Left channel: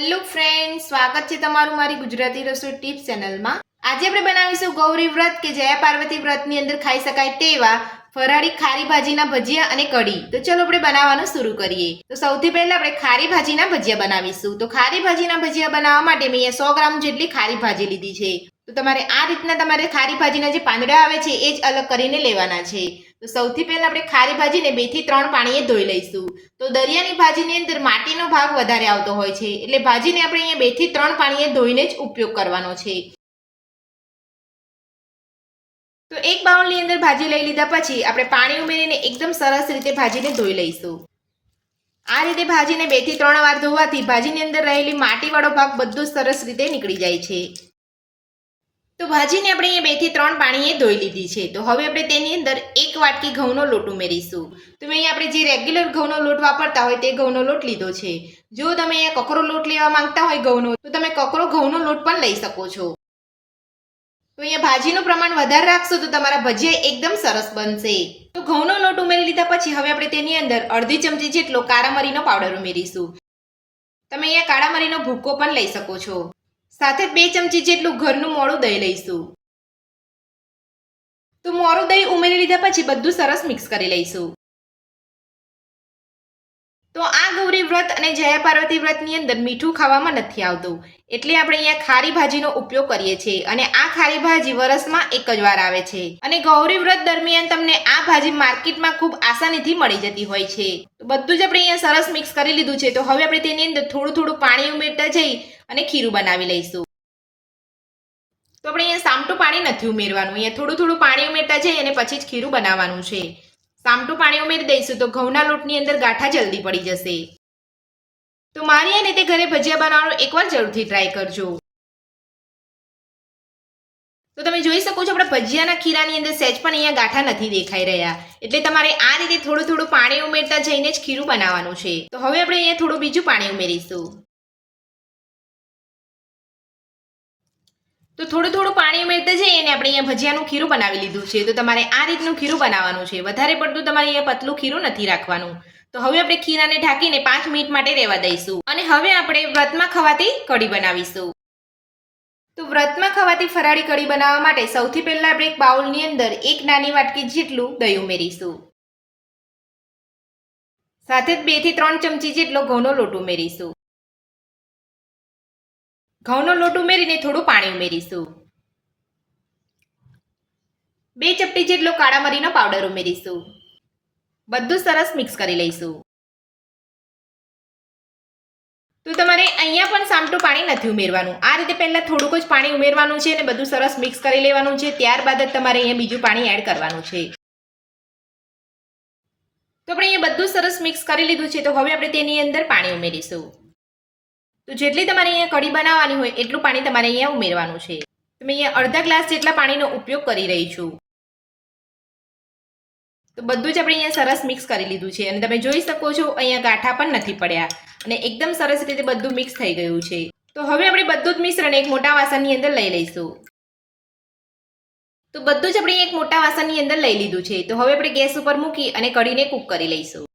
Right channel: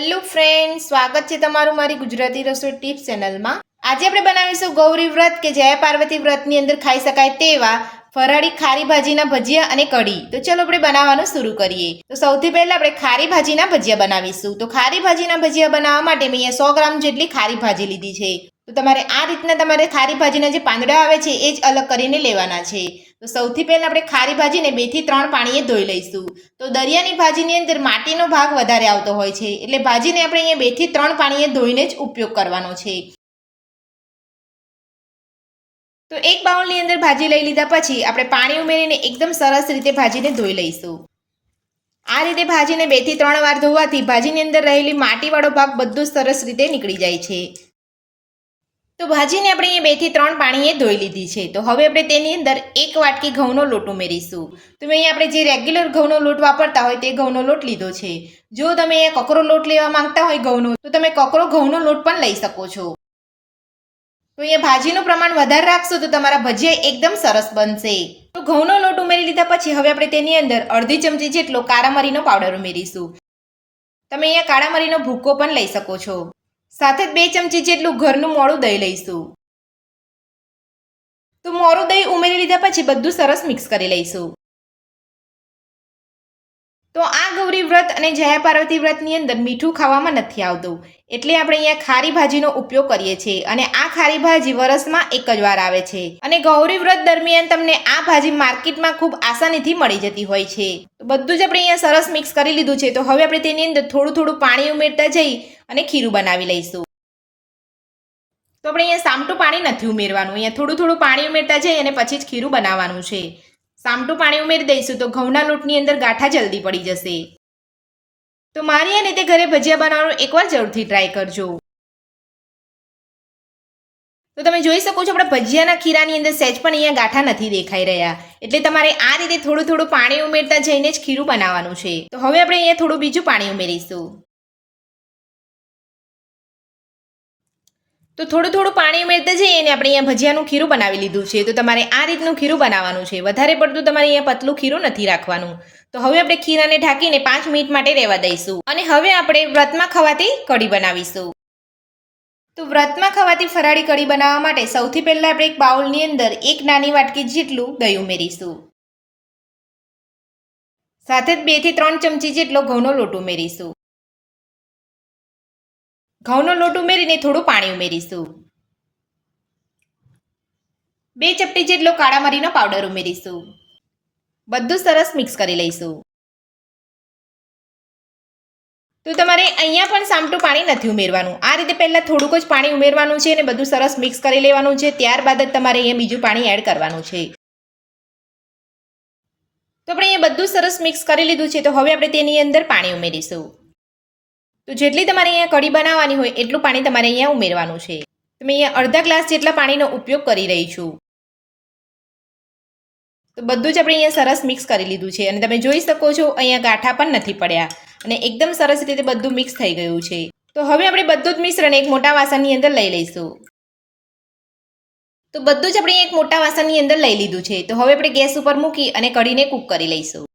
Hello friend, સ્વાગત છે તમારું મારી ગુજરાતી રસોઈ ટિપ્સ ચેનલમાં। આજે આપણે બનાવીશું ગૌરી વ્રત કે જયા પાર્વતી વ્રતની અંદર ખાઈ શકાય તેવા ફરાળી ખારી ભાજીના ભજીયા અને કઢી। તો ચલો આપણે બનાવવાનું શરૂ કરીએ। તો સૌથી પહેલા આપણે ખારી ભાજીના ભજીયા બનાવીશું। તો ખારી ભાજીના ભજીયા બનાવવા માટે મેં અહીંયા 100 ગ્રામ જેટલી ખારી ભાજી લીધી છે। તો તમારે આ રીતના તમારે ખારી ભાજીના જે પાંદડા આવે છે એ જ અલગ કરીને લેવાના છે। તો સૌથી પહેલા આપણે ખારી ભાજીને 2 થી 3 પાણીએ ધોઈ લઈશું। તો દરિયાની ભાજીની અંદર માટીનો ભાગ વધારે આવતો હોય છે, એટલે ભાજીને આપણે અહીંયા 2 થી 3 પાણીએ ધોઈને જ ઉપયોગ કરવાનો છે। તો એક બાઉલની અંદર ભાજી લઈ લીધા પછી આપણે પાણી ઉમેરીને એકદમ સરસ રીતે ભાજીને ધોઈ લઈશું। આ રીતે ભાજીને 2 થી 3 વાર ધોવાથી ભાજીની અંદર રહેલી માટીવાળો ભાગ બધો સરસ રીતે નીકળી જાય છે। તો ભાજીને આપણે અહીંયા 2 થી 3 પાણીએ ધોઈ લીધી છે। તો હવે આપણે તેની અંદર 1 વાટકી ઘઉંનો લોટ ઉમેરીશું। તો અહીંયા આપણે જે રેગ્યુલર ઘઉંનો લોટ વાપરતા હોય તે ઘઉંનો લોટ લીધો છે। જો તમે અહીંયા કકરો લોટ લેવા માંગતા હોય ઘઉંનો, તો તમે કકરો ઘઉંનો લોટ પણ લઈ શકો છો। તો અહીંયા ભાજીનું પ્રમાણ વધારે રાખશો તો તમારા ભજીયા એકદમ સરસ બનશે। તો ઘઉંનો લોટ ઉમેરી લીધા પછી હવે આપણે તેની અંદર અડધી ચમચી જેટલો કાળા મરીનો પાવડર ઉમેરીશું। તમે અહીંયા કાળા મરીનો ભૂકો પણ લઈ શકો છો। સાથે 2 ચમચી જેટલું ઘરનું મોળું દહીં લઈશું। તો મોળું દહીં ઉમેરી લીધા પછી બધું સરસ મિક્સ કરી લઈશું। તો આ ગૌરી વ્રત અને જયા પાર્વતી વ્રતની અંદર મીઠું ખાવામાં નથી આવતું, એટલે આપણે અહીંયા ખારી ભાજીનો ઉપયોગ કરીએ છીએ। અને આ ખારી ભાજી વરસમાં એક જ વાર આવે છે, અને ગૌરી વ્રત દરમિયાન તમને આ ભાજી માર્કેટમાં ખૂબ આસાનીથી મળી જતી હોય છે। તો બધું જ આપણે અહીંયા સરસ મિક્સ કરી લીધું છે। તો હવે આપણે તેની અંદર થોડું થોડું પાણી ઉમેરતા જઈ અને ખીરું બનાવી લઈશું। તો આપણે અહીંયા સામટું પાણી નથી ઉમેરવાનું, અહીંયા થોડું થોડું પાણી ઉમેરતા જઈ અને પછી જ ખીરું બનાવવાનું છે। સામટું પાણી ઉમેરી દઈશું તો ઘઉંના લોટની અંદર ગાંઠા જલ્દી પડી જશે। તો મારી આ રીતે ઘરે ભજીયા બનાવવાનું એકવાર જરૂરથી ટ્રાય કરજો। તો તમે જોઈ શકો છો આપણા ભજીયાના ખીરાની અંદર સહેજ પણ અહીંયા ગાંઠા નથી દેખાઈ રહ્યા, એટલે તમારે આ રીતે થોડું થોડું પાણી ઉમેરતા જઈને જ ખીરું બનાવવાનું છે। તો હવે આપણે અહીંયા થોડું બીજું પાણી ઉમેરીશું। તો થોડું થોડું પાણી ઉમેરતા જઈએ અને આપણે અહીંયા ભજીયાનું ખીરું બનાવી લીધું છે। તો તમારે આ રીતનું ખીરું બનાવવાનું છે, વધારે પડતું તમારે અહીંયા પતલું ખીરું નથી રાખવાનું। તો હવે આપણે ખીરાને ઢાંકીને 5 મિનિટ માટે રહેવા દઈશું, અને હવે આપણે વ્રતમાં ખવાતી કઢી બનાવીશું। તો વ્રતમાં ખવાતી ફરાળી કઢી બનાવવા માટે સૌથી પહેલા આપણે એક બાઉલની અંદર 1 નાની વાટકી જેટલું દહીં ઉમેરીશું। સાથે જ 2 થી 3 ચમચી જેટલો ઘઉંનો લોટ ઉમેરીશું। ઘઉંનો લોટ ઉમેરીને થોડું પાણી ઉમેરીશું। 2 ચપટી જેટલો કાળા મરીનો પાવડર ઉમેરીશું। બધું સરસ મિક્સ કરી લઈશું। તો તમારે અહીંયા પણ સામટું પાણી નથી ઉમેરવાનું, આ રીતે પહેલા થોડુંક જ પાણી ઉમેરવાનું છે અને બધું સરસ મિક્સ કરી લેવાનું છે। ત્યારબાદ જ તમારે અહીંયા બીજું પાણી એડ કરવાનું છે। તો આપણે અહીંયા બધું સરસ મિક્સ કરી લીધું છે। તો હવે આપણે તેની અંદર પાણી ઉમેરીશું। તો જેટલી તમારે અહીંયા કઢી બનાવવાની હોય એટલું પાણી તમારે અહીંયા ઉમેરવાનું છે। તો મેં અહીંયા અડધા ગ્લાસ જેટલા પાણીનો ઉપયોગ કરી રહી છું। તો બધું જ આપણે અહીંયા સરસ મિક્સ કરી લીધું છે, અને તમે જોઈ શકો છો અહીંયા ગાંઠા પણ નથી પડ્યા, અને એકદમ સરસ રીતે બધું મિક્સ થઈ ગયું છે। તો હવે આપણે બધું જ મિશ્રણ એક મોટા વાસણની અંદર લઈ લઈશું। તો બધું જ આપણે એક મોટા વાસણની અંદર લઈ લીધું છે। તો હવે આપણે ગેસ ઉપર મૂકી અને કઢીને કૂક કરી લઈશું।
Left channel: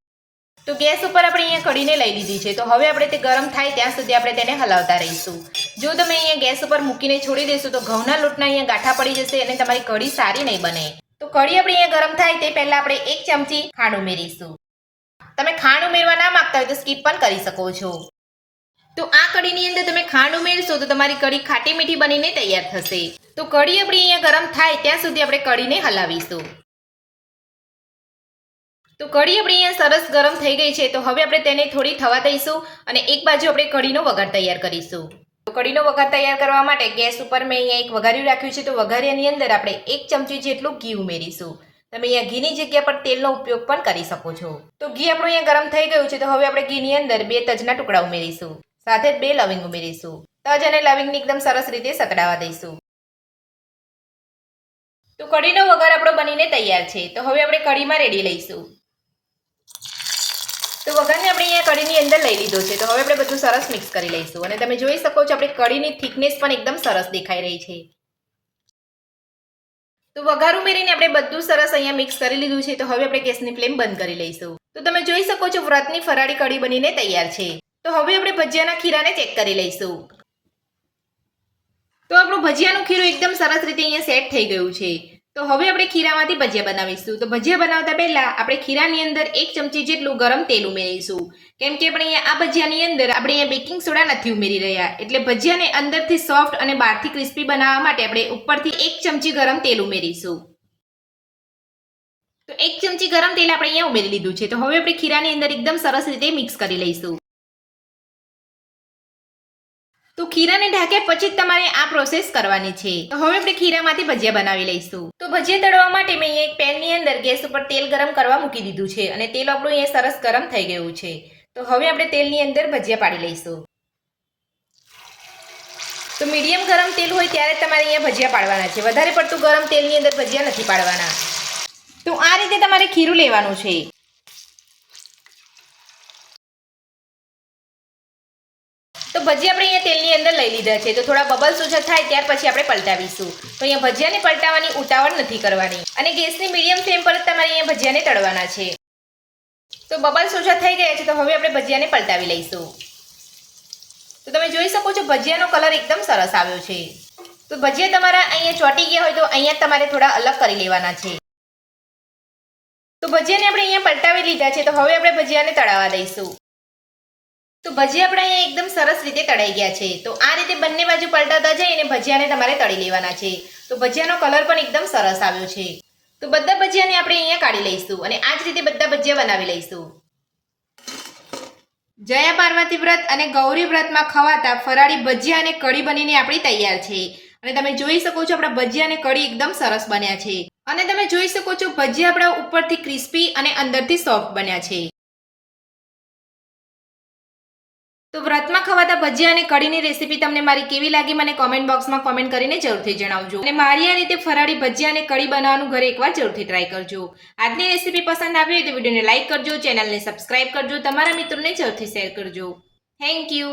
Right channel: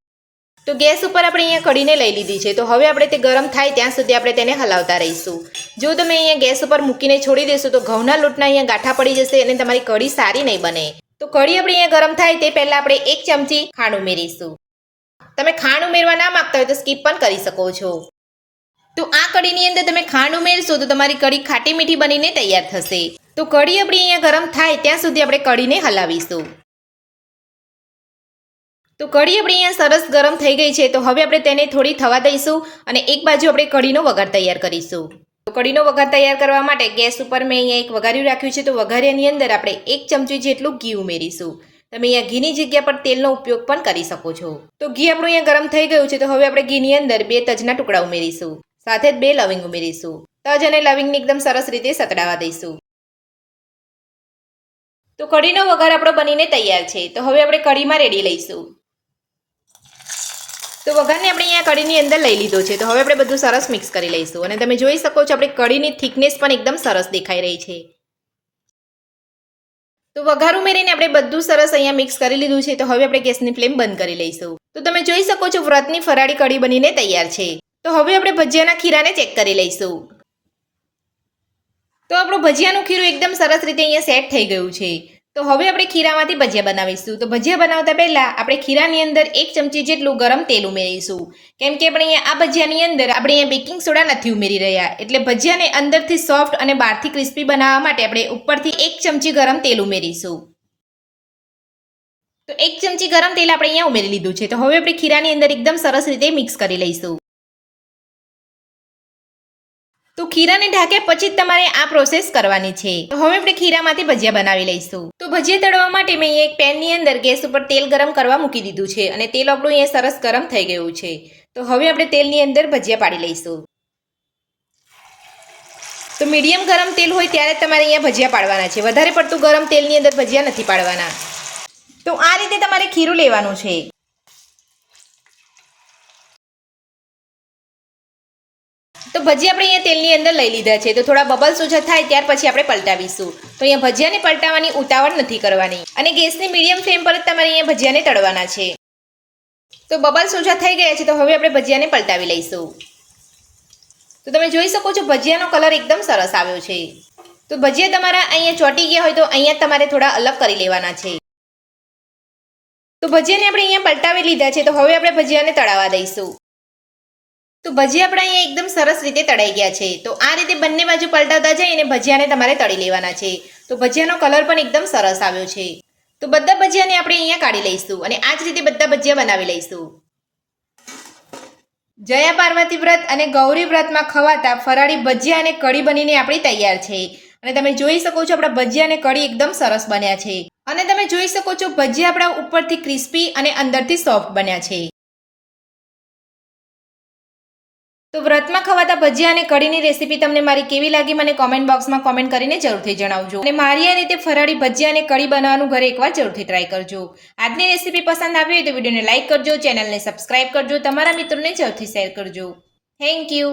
તો ગેસ ઉપર આપણે અહીંયા કઢીને લઈ લીધી છે। તો હવે આપણે તે ગરમ થાય ત્યાં સુધી આપણે તેને હલાવતા રહીશું। જો તમે અહીંયા ગેસ ઉપર મૂકીને છોડી દેશો તો ઘઉંના લોટના અહીંયા ગાંઠા પડી જશે અને તમારી કઢી સારી નહીં બને। તો કઢી આપણે અહીંયા ગરમ થાય તે પહેલા આપણે 1 ચમચી ખાંડ ઉમેરીશું। તમે ખાંડ ઉમેરવા ના માંગતા હોય તો સ્કીપ પણ કરી શકો છો। તો આ કઢીની અંદર તમે ખાંડ ઉમેરશો તો તમારી કઢી ખાટી મીઠી બનીને તૈયાર થશે। તો કઢી આપણી અહીંયા ગરમ થાય ત્યાં સુધી આપણે કઢીને હલાવીશું। તો કઢી આપણી અહીંયા સરસ ગરમ થઈ ગઈ છે। તો હવે આપણે તેને થોડી થવા દઈશું, અને એક બાજુ આપણે કઢીનો વઘાર તૈયાર કરીશું। તો કઢીનો વઘાર તૈયાર કરવા માટે ગેસ ઉપર મેં અહીંયા એક વઘાર્યું રાખ્યું છે। તો વઘારિયાની અંદર આપણે 1 ચમચી જેટલું ઘી ઉમેરીશું। તમે અહીંયા ઘીની જગ્યા પર તેલનો ઉપયોગ પણ કરી શકો છો। તો ઘી આપણું અહીંયા ગરમ થઈ ગયું છે। તો હવે આપણે ઘીની અંદર 2 તજના ટુકડા ઉમેરીશું, સાથે જ 2 લવિંગ ઉમેરીશું। તજ અને લવિંગને એકદમ સરસ રીતે સતડાવા દઈશું। તો કઢીનો વઘાર આપણો બનીને તૈયાર છે। તો હવે આપણે કઢીમાં રેડી લઈશું। તો વઘારને આપણે અહીંયા કઢીની અંદર લઈ લીધો છે। તો હવે આપણે બધું સરસ મિક્સ કરી લઈશું, અને તમે જોઈ શકો છો આપણી કઢીની થિકનેસ પણ એકદમ સરસ દેખાઈ રહી છે। તો વઘાર ઉમેરીને આપણે બધું સરસ અહીંયા મિક્સ કરી લીધું છે। તો હવે આપણે ગેસની ફ્લેમ બંધ કરી લઈશું। તો તમે જોઈ શકો છો વ્રતની ફરાળી કઢી બનીને તૈયાર છે। તો હવે આપણે ભજીયાના ખીરાને ચેક કરી લઈશું. તો આપણું ભજીયાનું ખીરું એકદમ સરસ રીતે અહીંયા સેટ થઈ ગયું છે. તો હવે આપણે ખીરામાંથી ભજીયા બનાવીશું. તો ભજીયા બનાવતા પહેલા આપણે ખીરાની અંદર 1 ચમચી જેટલું ગરમ તેલ ઉમેરીશું. કેમ કે આપણે અહીંયા આ ભજીયાની અંદર આપણે અહીંયા બેકિંગ સોડા નથી ઉમેરી રહ્યા, એટલે ભજીયાને અંદરથી સોફ્ટ અને બહારથી ક્રિસ્પી બનાવવા માટે આપણે ઉપરથી 1 ચમચી ગરમ તેલ ઉમેરીશું. તો 1 ચમચી ગરમ તેલ આપણે અહીંયા ઉમેરી લીધું છે. તો હવે આપણે ખીરાની અંદર એકદમ સરસ રીતે મિક્સ કરી લઈશું. તો ખીરાને ઢાંક્યા પછી જ તમારે આ પ્રોસેસ કરવાની છે. તો હવે આપણે ખીરામાંથી ભજીયા બનાવી લઈશું. તો ભજીયા તળવા માટે મેં અહીંયા એક પેનની અંદર ગેસ ઉપર તેલ ગરમ કરવા મૂકી દીધું છે અને તેલ આપણું અહીંયા સરસ ગરમ થઈ ગયું છે. તો હવે આપણે તેલની અંદર ભજીયા પાડી લઈશું. તો મીડિયમ ગરમ તેલ હોય ત્યારે તમારે અહીંયા ભજીયા પાડવાના છે. વધારે પડતું ગરમ તેલની અંદર ભજીયા નથી પાડવાના. તો આ રીતે તમારે ખીરું લેવાનું છે. તો ભજીયા આપણે અહીંયા તેલની અંદર લઈ લીધા છે. તો થોડા બબલ્સ ઓછા થાય ત્યાર પછી આપણે પલટાવીશું. તો અહીંયા ભજીયાને પલટાવવાની ઉતાવળ નથી કરવાની અને ગેસની મીડિયમ ફ્લેમ પર જ તમારે અહીંયા ભજીયાને તળવાના છે. તો બબલ્સ ઓછા થઈ ગયા છે. તો હવે આપણે ભજીયાને પલટાવી લઈશું. તો તમે જોઈ શકો છો ભજીયાનો કલર એકદમ સરસ આવ્યો છે. તો ભજીયા તમારા અહીંયા ચોંટી ગયા હોય તો અહીંયા તમારે થોડા અલગ કરી લેવાના છે. તો ભજીયાને આપણે અહીંયા પલટાવી લીધા છે. તો હવે આપણે ભજીયાને તળાવવા દઈશું. તો ભજીયા આપણે અહીંયા એકદમ સરસ રીતે તળાઈ ગયા છે. તો આ રીતે બંને બાજુ પલટાવતા જઈને ભજીયાને તમારે તળી લેવાના છે. તો ભજીયાનો કલર પણ એકદમ સરસ આવ્યો છે. તો બધા ભજીયાને આપણે અહીંયા કાઢી લઈશું અને આ જ રીતે બધા ભજીયા બનાવી લઈશું. જયા પાર્વતી વ્રત અને ગૌરી વ્રતમાં ખવાતા ફરાળી ભજીયા અને કઢી બનીને આપણી તૈયાર છે. અને તમે જોઈ શકો છો આપણા ભજીયા અને કઢી એકદમ સરસ બન્યા છે. અને તમે જોઈ શકો છો ભજીયા આપણા ઉપરથી ક્રિસ્પી અને અંદરથી સોફ્ટ બન્યા છે. તો વ્રતમાં ખવાતા ભજીયા અને કઢીની રેસીપી તમને મારી કેવી લાગી મને કોમેન્ટ બોક્સમાં કોમેન્ટ કરીને જરૂરથી જણાવજો. અને મારી આ રીતે ફરાળી ભજીયા અને કઢી બનાવવાનું ઘરે એકવાર જરૂરથી ટ્રાય કરજો. આજની રેસીપી પસંદ આવી હોય તો વિડીયોને લાઇક કરજો, ચેનલને સબસ્ક્રાઇબ કરજો, તમારા મિત્રોને જરૂરથી શેર કરજો. Thank you.